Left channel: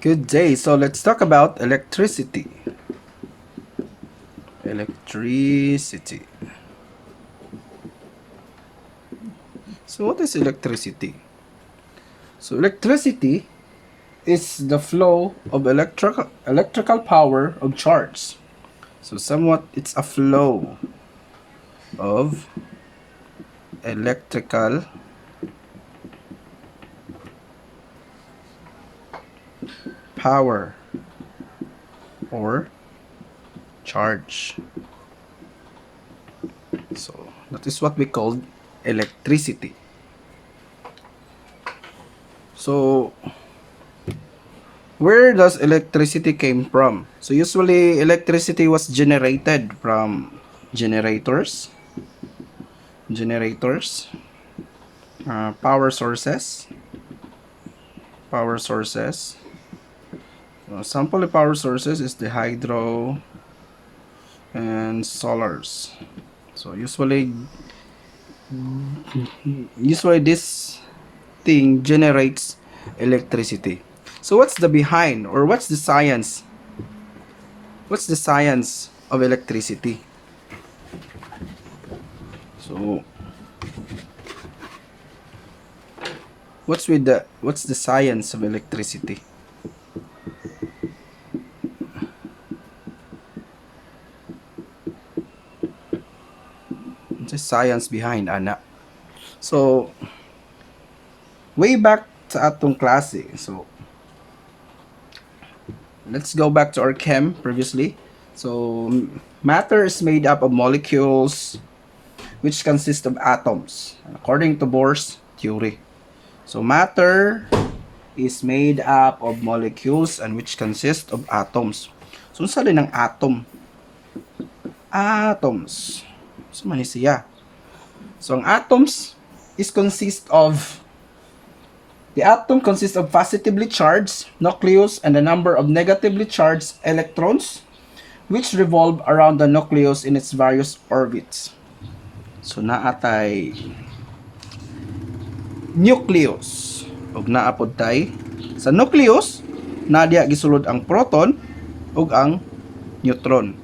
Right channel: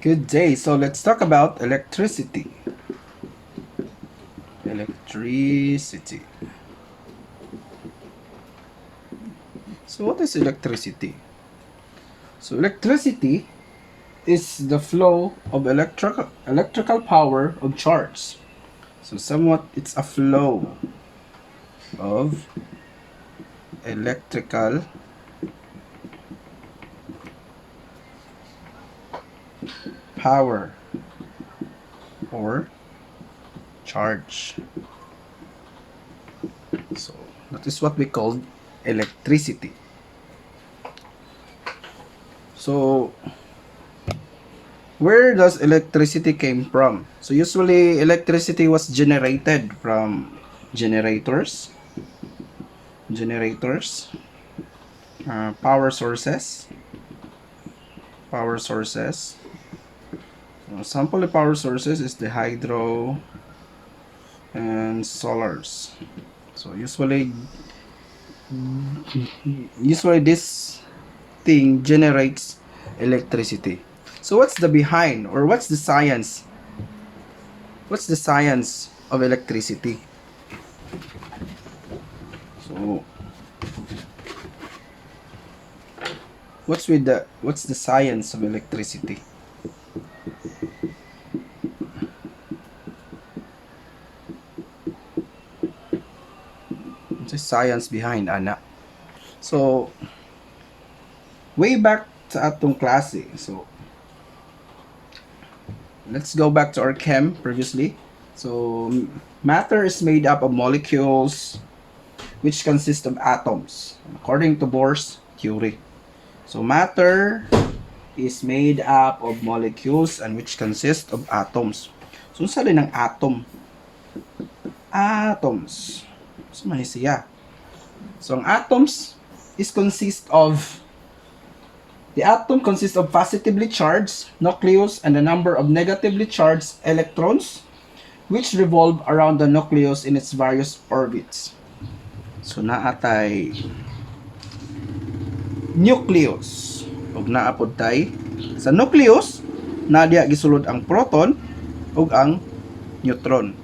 Good day. So let's talk about electricity. Electricity. So what is electricity? So electricity is the flow of electrical power of charge. So somewhat it's a flow of electrical power or charge. So that is what we call electricity. So where does electricity came from? So usually electricity was generated from generators, generators, power sources, power sources. Sample of power sources is the hydro and solars. So usually this thing generates electricity. So what's the behind or what's the science? What's the science of electricity? So what's the science of electricity? What's the science behind ana? So way back sa atong klase. So let's go back to our chem previously. So matter is made up of molecules which consist of atoms according to Bohr's theory. So matter is made up of molecules and which consist of atoms. So unsa din ang atom? Atoms. So man siya. So ang atoms is consist of the atom consists of positively charged nucleus and a number of negatively charged electrons which revolve around the nucleus in its various orbits. So naatay nucleus. Ug naapod tay sa nucleus na diha gisulod ang proton ug ang neutron.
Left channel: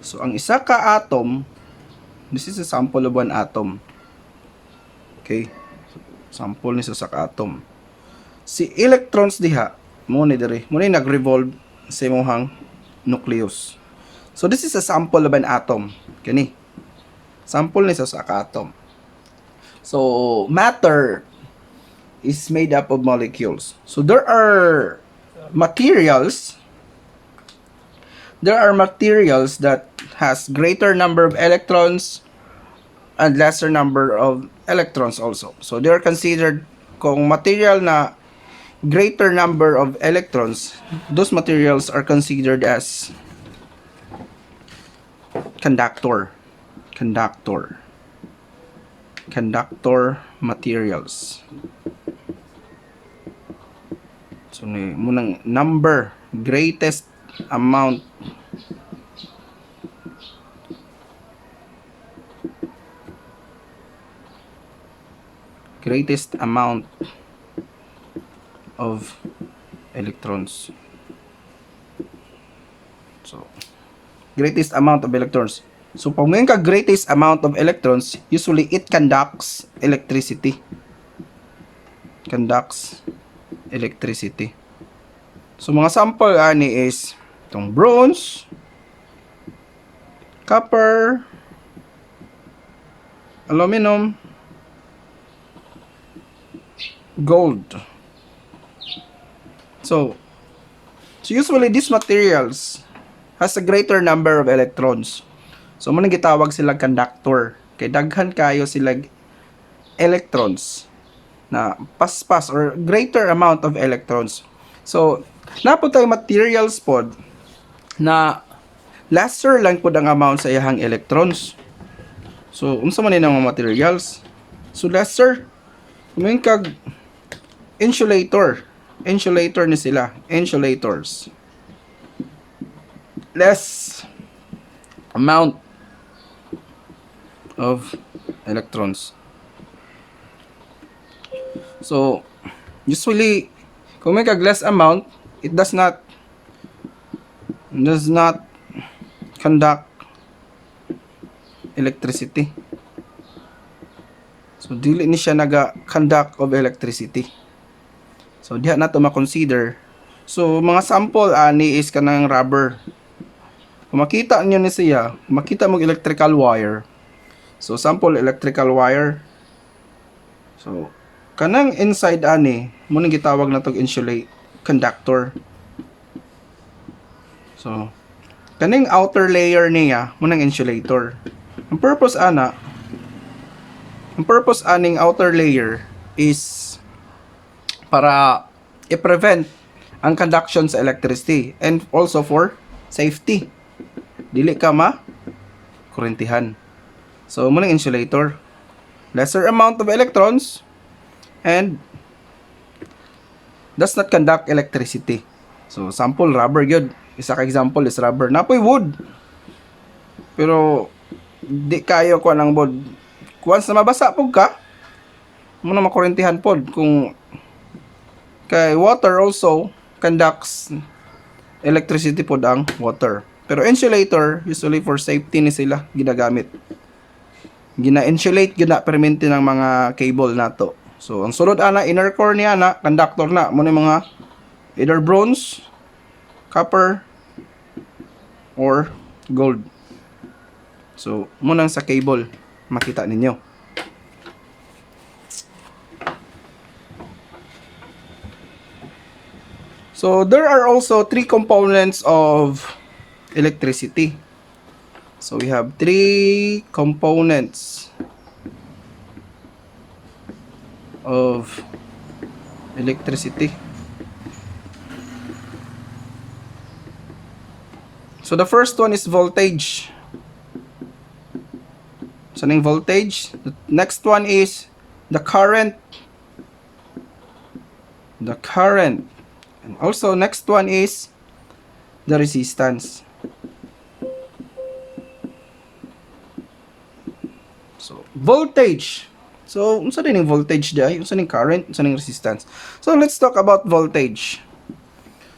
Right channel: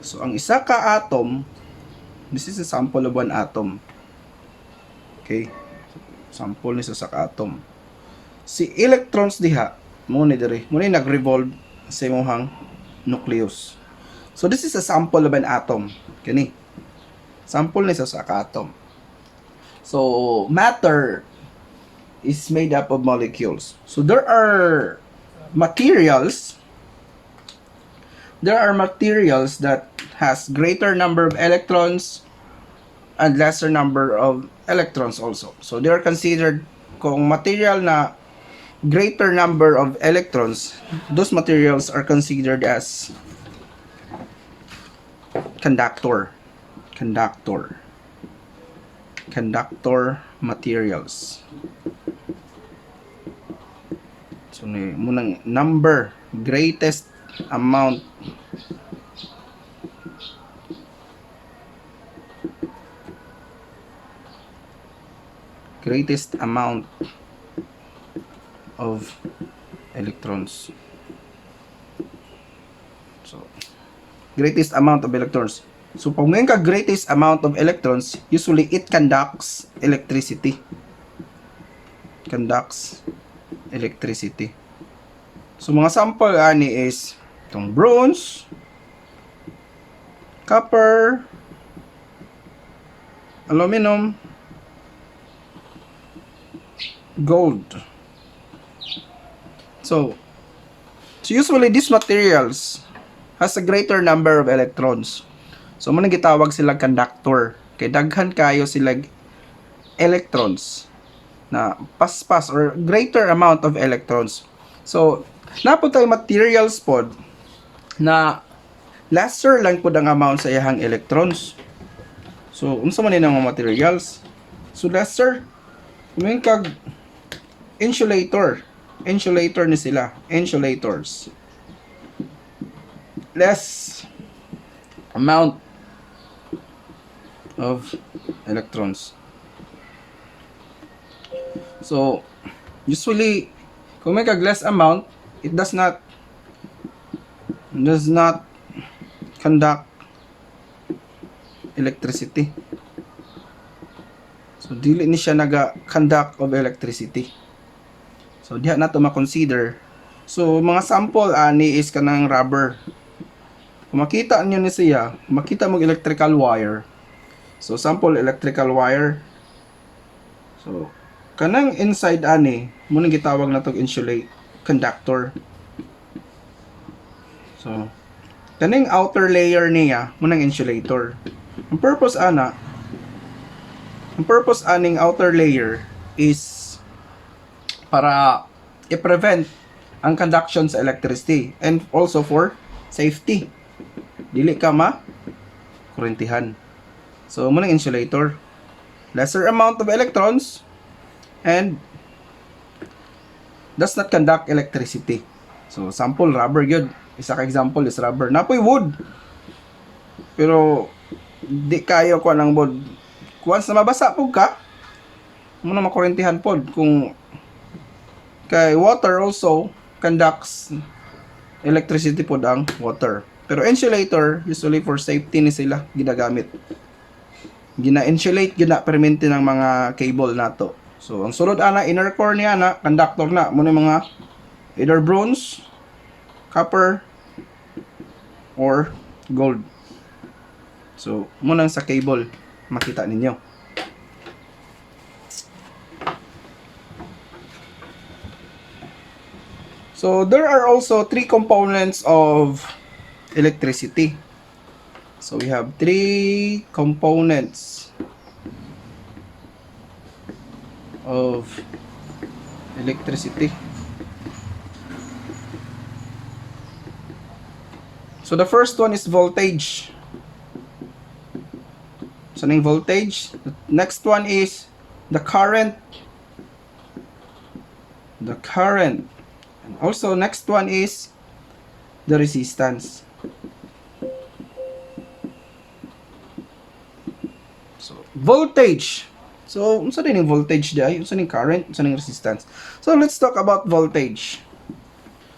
So ang isa ka atom, this is a sample of one atom. Okay? Sample ni sa atom. Si electrons diha mo ni diri, mo ni nag-revolve sa imong nucleus. So this is a sample of an atom. Kani. Sample ni sa atom. So matter is made up of molecules. So there are materials that has greater number of electrons and lesser number of electrons also. So they are considered kung material na greater number of electrons, those materials are considered as conductor materials. So munang number greatest amount of electrons. So greatest amount of electrons. So pag may ka greatest amount of electrons, usually it conducts electricity. So mga sample ani is itong bronze, copper, aluminum, gold. So usually these materials has a greater number of electrons. So mo gitawag sila conductor. Kay daghan kayo sila electrons na paspas or greater amount of electrons. So napod tayo materials pod na lesser lang pod ang amount sa iyang electrons. So unsa man ang mga materials? So lesser may kag insulator ni sila, insulators. Less amount of electrons. So usually Kung may less amount, it does not conduct electricity. So dili ni siya naga-conduct of electricity. So diha na to ma-consider. So mga sample ani is kanang rubber. Kung makita niyo ni siya, makita mo electrical wire. So sample electrical wire. So kanang inside ani mo ning gitawag na tog insulate conductor. So kaning outer layer niya mo nang insulator. Ang purpose aning outer layer is para i-prevent ang conduction sa electricity and also for safety. Dili ka kurentihan. So mo nang insulator. Lesser amount of electrons and does not conduct electricity. So sample rubber gyud. Isa ka example is rubber. Napoy wood. Pero di kayo ko ng wood. Once na mabasa po ka, mo na makurentihan pod. Kung kay water also conducts electricity pod ang water. Pero insulator usually for safety ni sila ginagamit. Gina-insulate, gina-permente ng mga cable nato. So ang sulod ana inner core niya na conductor na mo ni mga either bronze, copper or gold. So mo nang sa cable makita ninyo. So there are also three components of electricity. So we have three components of electricity. So the first one is voltage. So ning voltage. The next one is the current. The current. And also next one is the resistance. So voltage. So unsa din ning voltage day? Unsa ning current? Unsa ning resistance? So let's talk about voltage.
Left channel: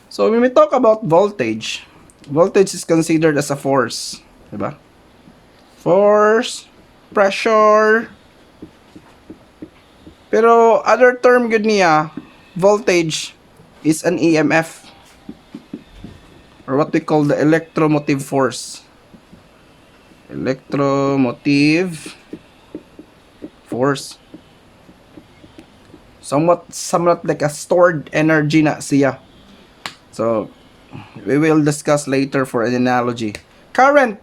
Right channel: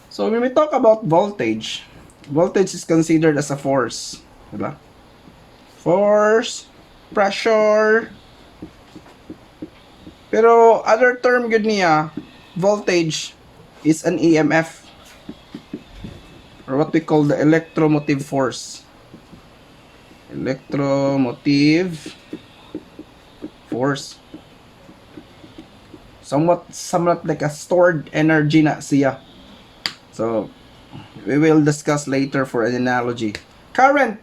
So when we talk about voltage, voltage is considered as a force, diba? Force, pressure. Pero other term gud niya, voltage is an EMF or what we call the electromotive force. Electromotive force. Somewhat like a stored energy na siya. So we will discuss later for an analogy. Current.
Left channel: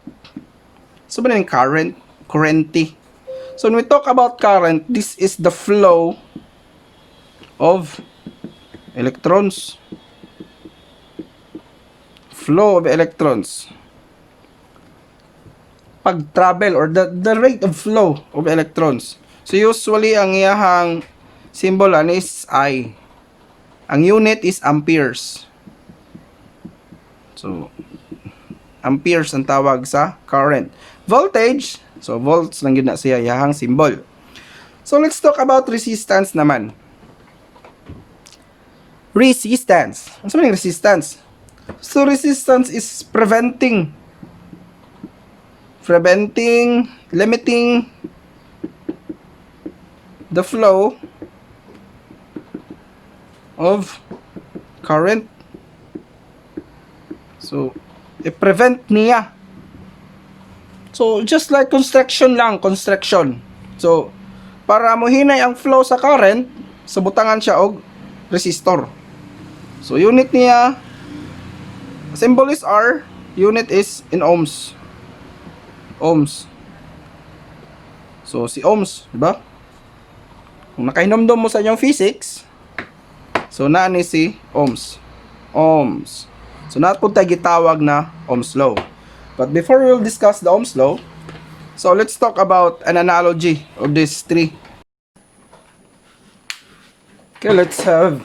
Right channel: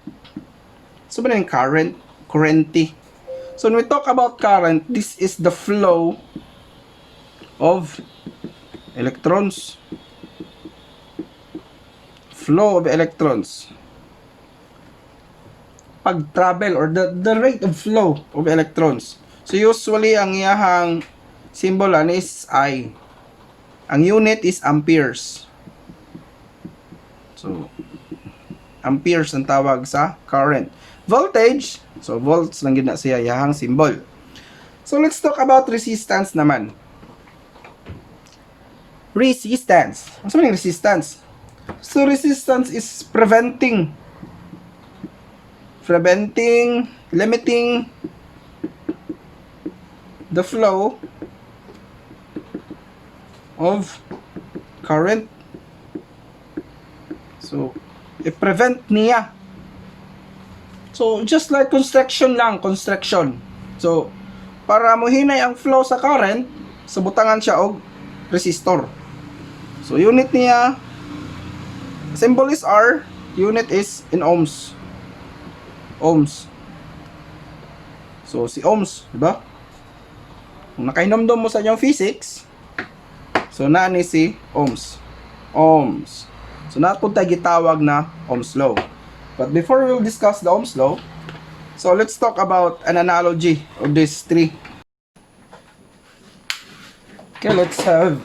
So ba yung current? Currenty. So when we talk about current, this is the flow of electrons. Flow of electrons. Pag-travel or the rate of flow of electrons. So usually ang iyahang symbol is I. Ang unit is amperes. So amperes ang tawag sa current. Voltage, so volts lang yun na siya iyahang symbol. So let's talk about resistance naman. Resistance. Ano sabi ng resistance? So resistance is preventing, limiting the flow of current. So i-prevent niya. So just like construction. So para mohinay ang flow sa current, sabutangan siya og resistor. So unit niya, symbol is R, unit is in ohms. So si ohms, diba? Kung nakahinomdom mo sa inyong physics, so naa ni si ohms. So nato tayo gitawag na Ohm's law. But before we'll discuss the Ohm's law, so let's talk about an analogy of these three. Okay, let's have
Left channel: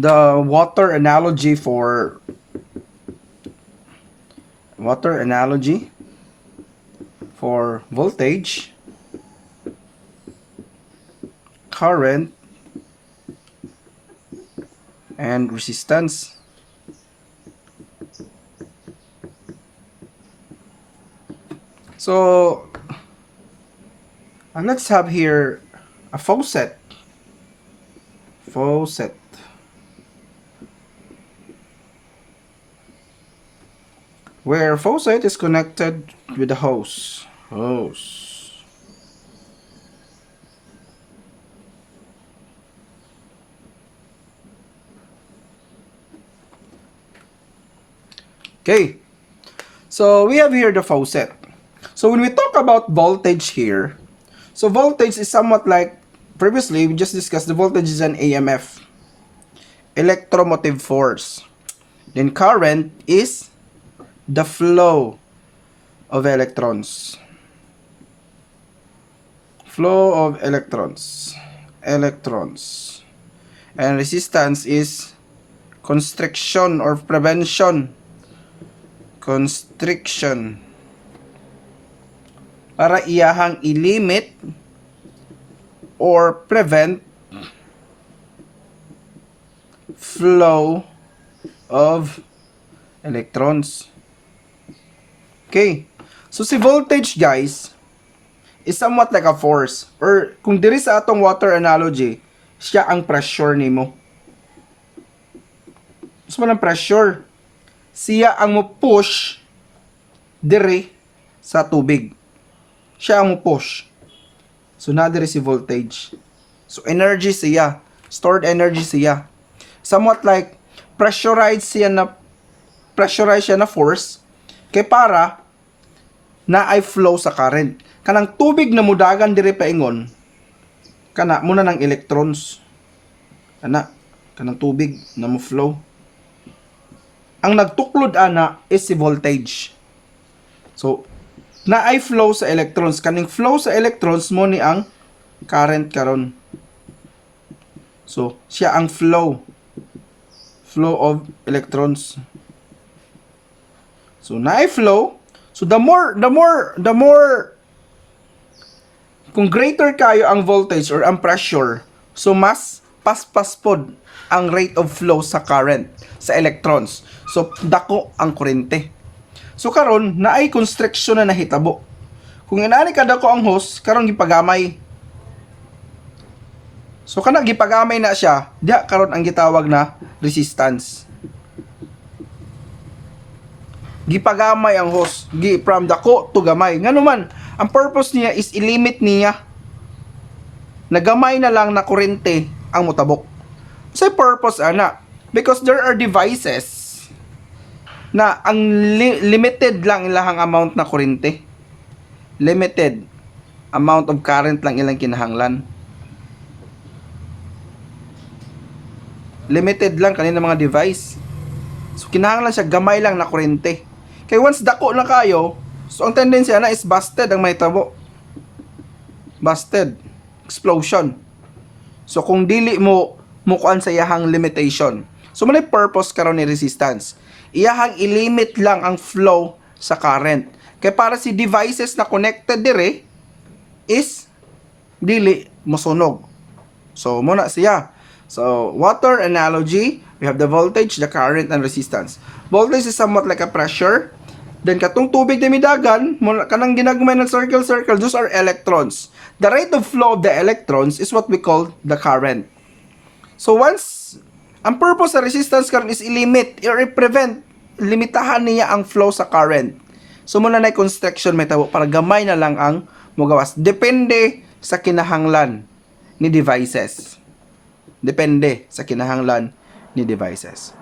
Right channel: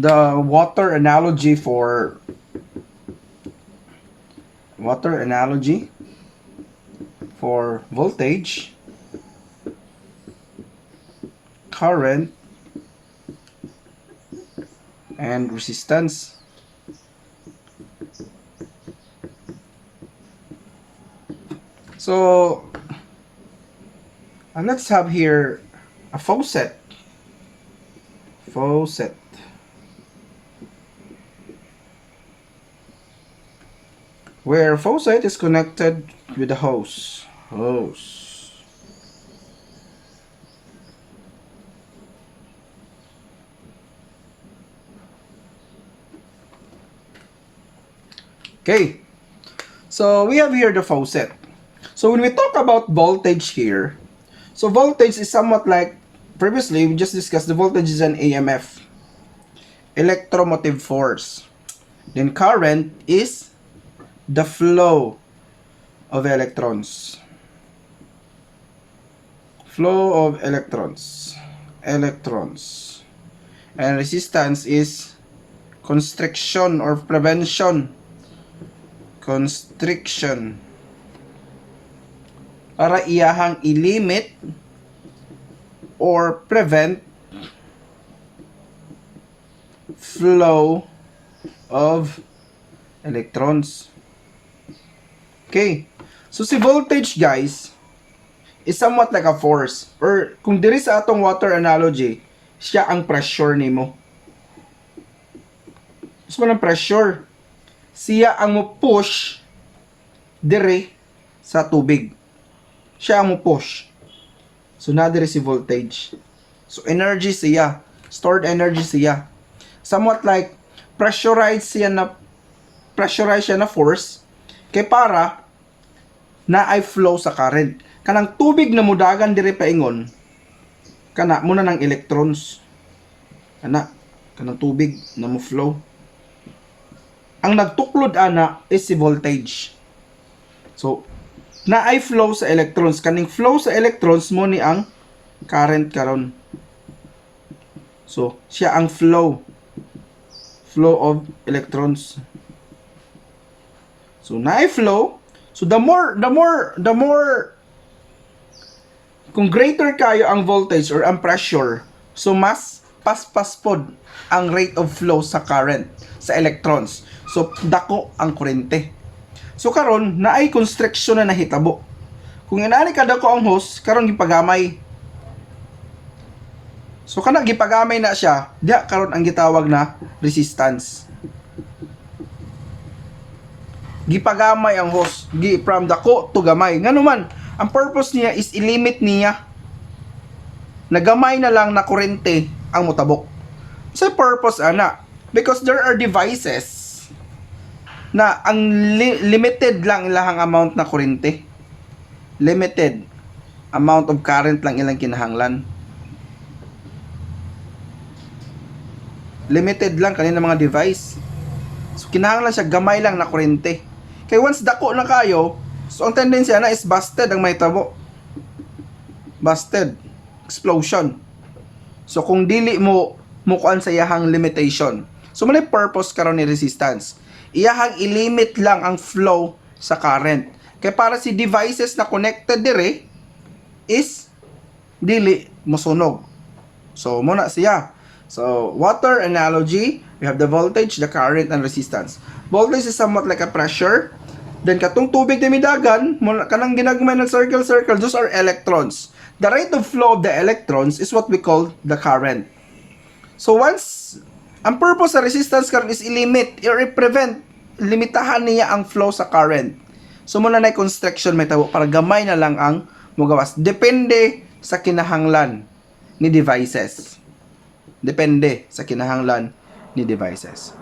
the water analogy for voltage, current, and resistance. So let's have here a faucet. Where faucet is connected with the hose. Okay, so we have here the faucet. So when we talk about voltage here, so voltage is somewhat like previously we just discussed. The voltage is an EMF, electromotive force. Then current is the flow of electrons. Flow of electrons. And resistance is constriction or prevention. Constriction. Para iyahang i-limit or prevent flow of electrons. Okay. So si voltage, guys, is somewhat like a force. Or kung diri sa atong water analogy, siya ang pressure nimo. So man ang pressure, siya ang mo push diri sa tubig. Siya ang mo push. So na diri si voltage. So energy siya, stored energy siya. Somewhat like pressurized siya na force kay para na ay flow sa current. Kanang tubig na mudagan diri paingon, kana muna ng electrons. Kanang tubig na mo flow. Ang nagtuklod ana is si voltage. So na ay flow sa electrons. Kaning flow sa electrons mo ni ang current karon. So siya ang flow of electrons. So na ay flow. So the more kung greater kayo ang voltage or ang pressure, so mas paspas pod ang rate of flow sa current sa electrons. So dako ang kuryente. So karon na ay constriction na nahitabo. Kung inaani ka dako ang hose, karon gipagamay. So kana gipagamay na siya, diha karon ang gitawag na resistance. Gipagamay ang hose, from dako to gamay. Ngano man, ang purpose niya is i-limit niya na gamay na lang na kuryente ang motabok. Sa purpose ana, because there are devices na ang limited lang ilang amount na kuryente. Limited amount of current lang ilang kinahanglan. Limited lang kanina mga device. So kinahanglan siya gamay lang na kuryente. Kaya once dako na kayo, so ang tendency na is busted ang may tabo. Busted. Explosion. So kung dili mo mukuan sa iyahang limitation. So may purpose karon ni resistance. Iyahang i-limit lang ang flow sa current. Kaya para si devices na connected dire is dili mosunog. So muna siya. So water analogy, we have the voltage, the current, and resistance. Voltage is somewhat like a pressure. Then katong tubig na midagan, kanang ginagmay ng circle, those are electrons. The rate of flow of the electrons is what we call the current. So once, ang purpose sa resistance current is i-limit, i-prevent, limitahan niya ang flow sa current. So muna na constriction may tawag para gamay na lang ang mugawas. Depende sa kinahanglan ni devices. Depende sa kinahanglan ni devices.